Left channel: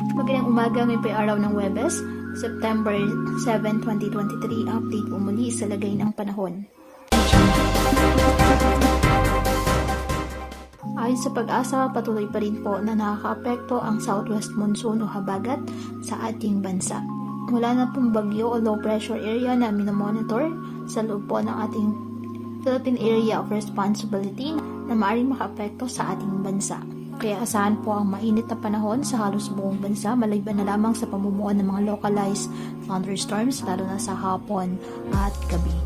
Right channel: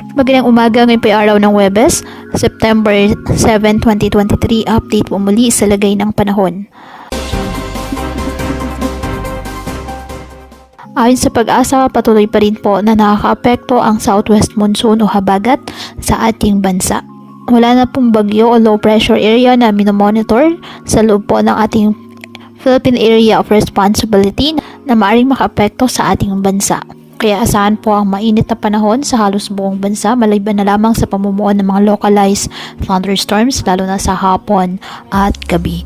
Magandang umaga, ngayon po ay araw ng Huwebes, September 7, 2023. Update po muli sa lagay ng panahon. Ayon sa Pag-asa, patuloy pa rin po na nakakaapekto ang southwest monsoon o habagat sa ating bansa. Wala na pong bagyo o low pressure area na minomonitor sa loob po ng ating Philippine Area of Responsibility na maaaring makaapekto sa ating bansa. Kaya asahan po ang mainit na panahon sa halos buong bansa, maliban na lamang sa pamumuo ng mga localized thunderstorms lalo na sa hapon at gabi.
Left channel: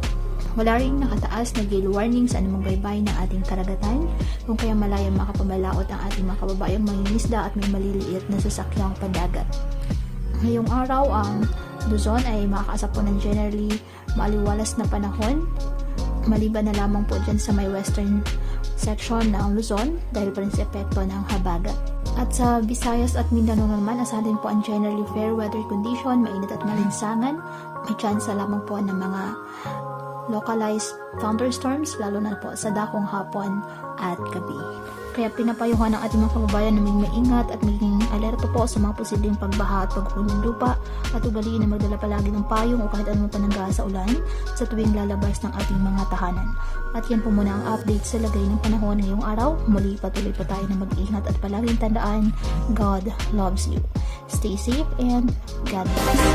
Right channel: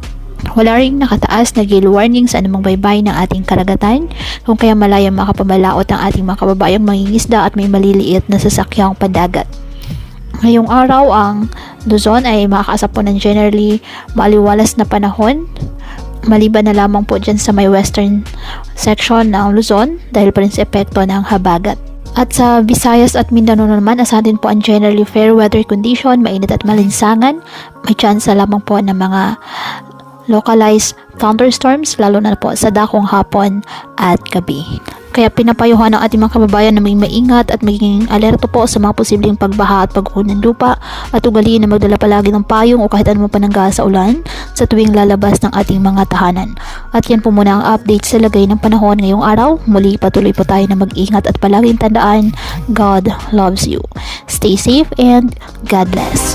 Wala ring nakataas na gale warning sa anumang baybay ng ating karagatan, kung kaya malayang makapabalaot ang ating mga kababayang mangingisda at may maliliit na sasakyang pandagat. Ngayong araw, ang Luzon ay makakaasa po ng generally maliwalas na panahon, maliban na lamang po dyan sa may western section ng Luzon dahil pa rin sa epekto ng habagat. At sa Visayas at Mindanao naman, asahan din po ang generally fair weather condition, mainit at malinsangan. May chance lamang po ng mga localized thunderstorms lalo na po sa dakong hapon at gabi. Kaya pinapayuhan ng ating mga kababayan na may maingat at maging alerto po sa mga posibleng pagbaha at pagguho ng lupa at ugaliin na magdala palagi ng payong o kahit anumang panangga sa ulan sa tuwing lalabas ng ating mga tahanan. At yan po muna ang update sa lagay ng panahon ngayong araw. Muli patuloy po tayo na mag-ingat at palaging tandaan, God loves you. Stay safe and God bless.